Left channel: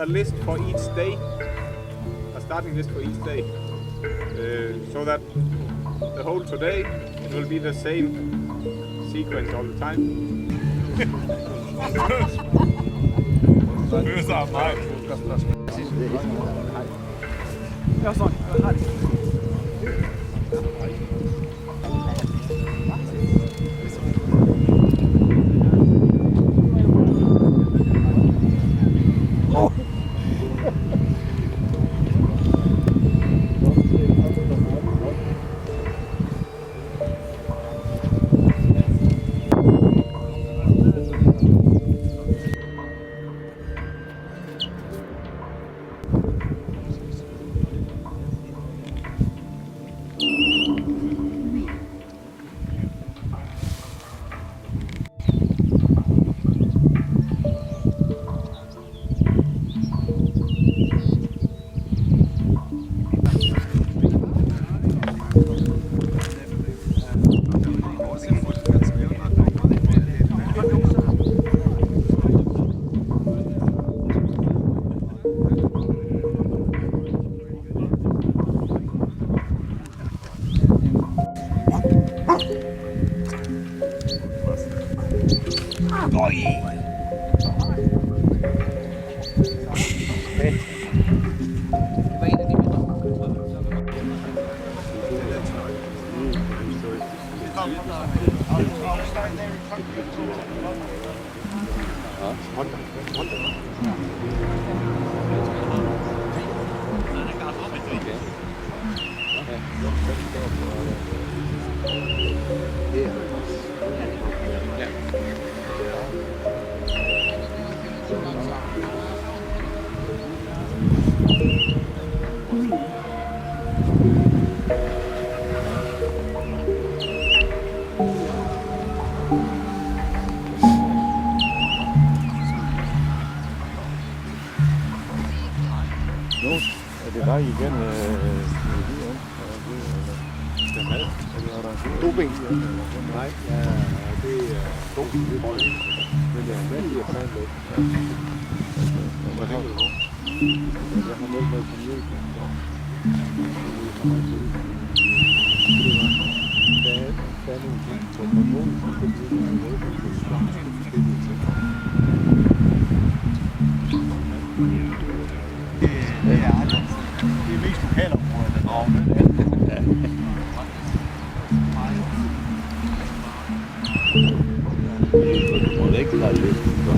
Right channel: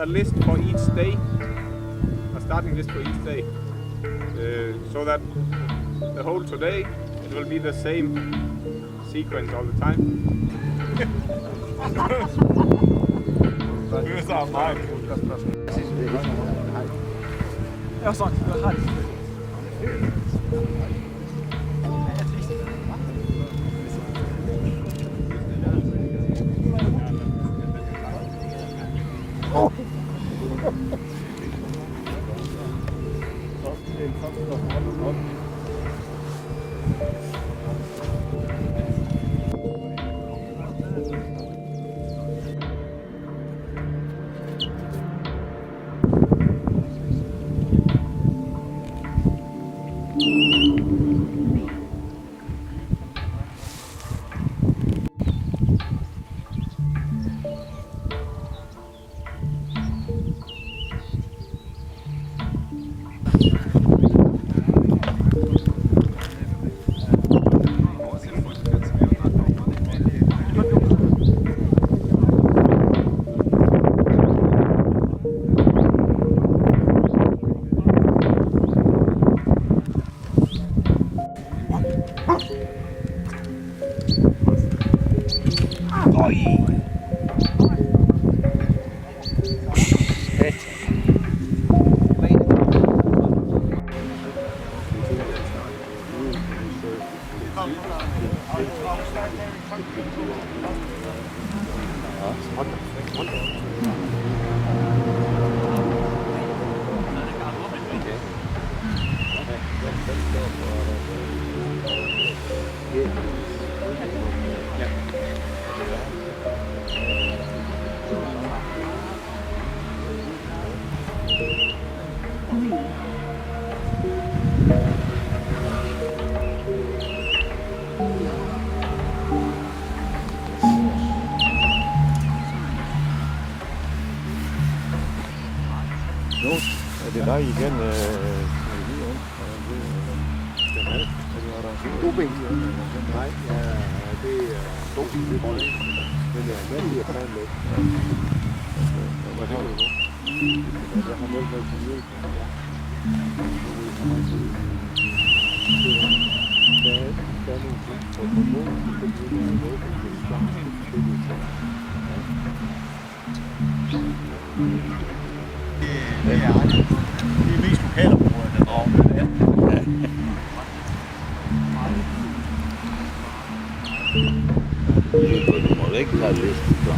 A list for each day, a starting list for each day, so that the whole today it will be the same sequence all the time. Det var igen den mad. To ben. Nej, ja, det er to ben. Men det er en masse, jeg kan med. Hvad har du nu? Jeg har meldt mig til mjølk. Der er nogle ting på mål, som kan blive en måde, som kan starte forskellige ting. Det er mest lokalområder, der drager med det. Ja. Du må ikke lade listen så.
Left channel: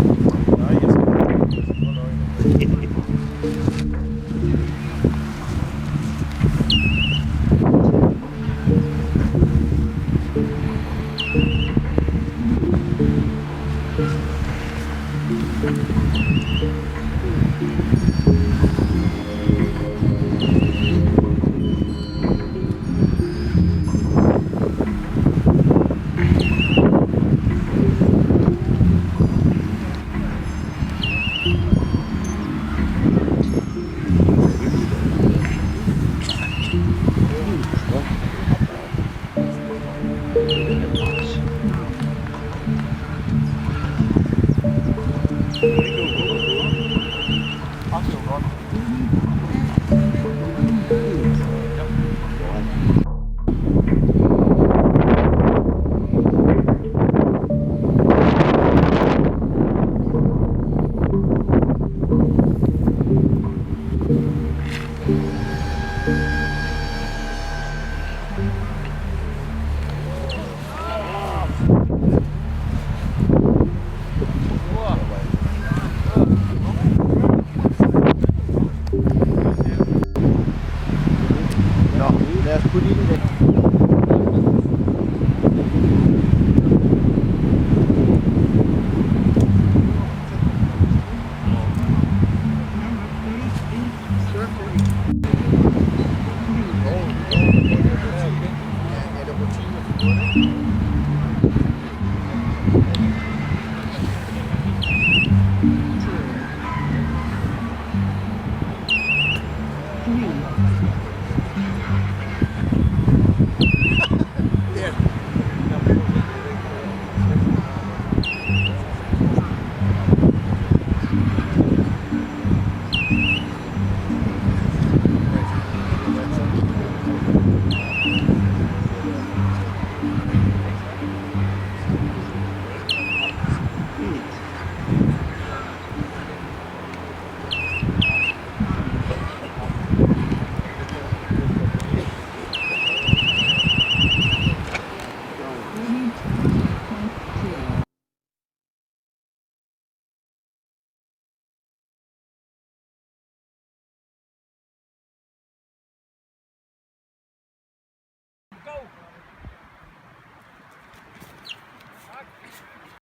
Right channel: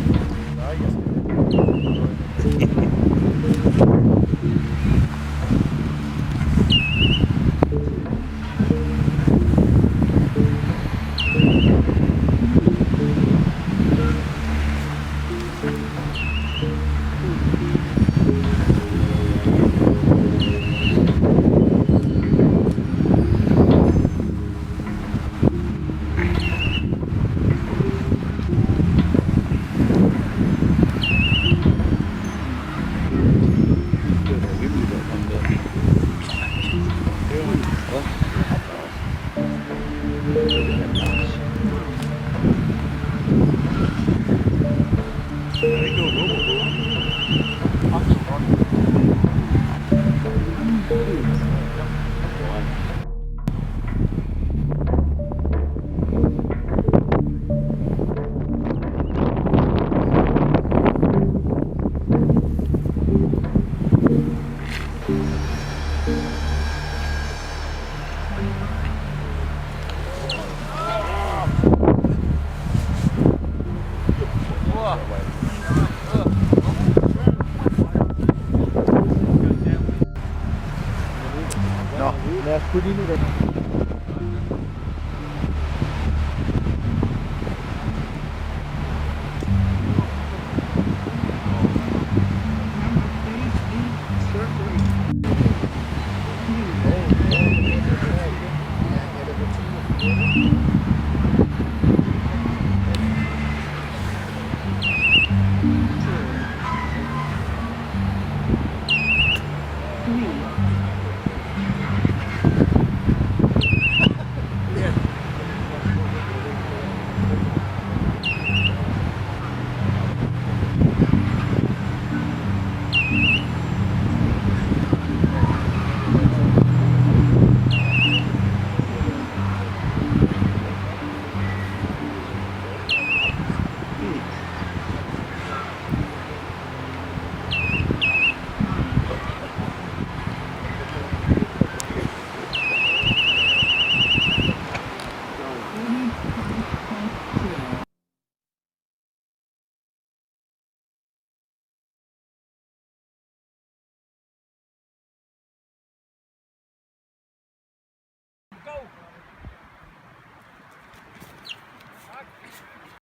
Nej, jeg skal. os putte ind i det.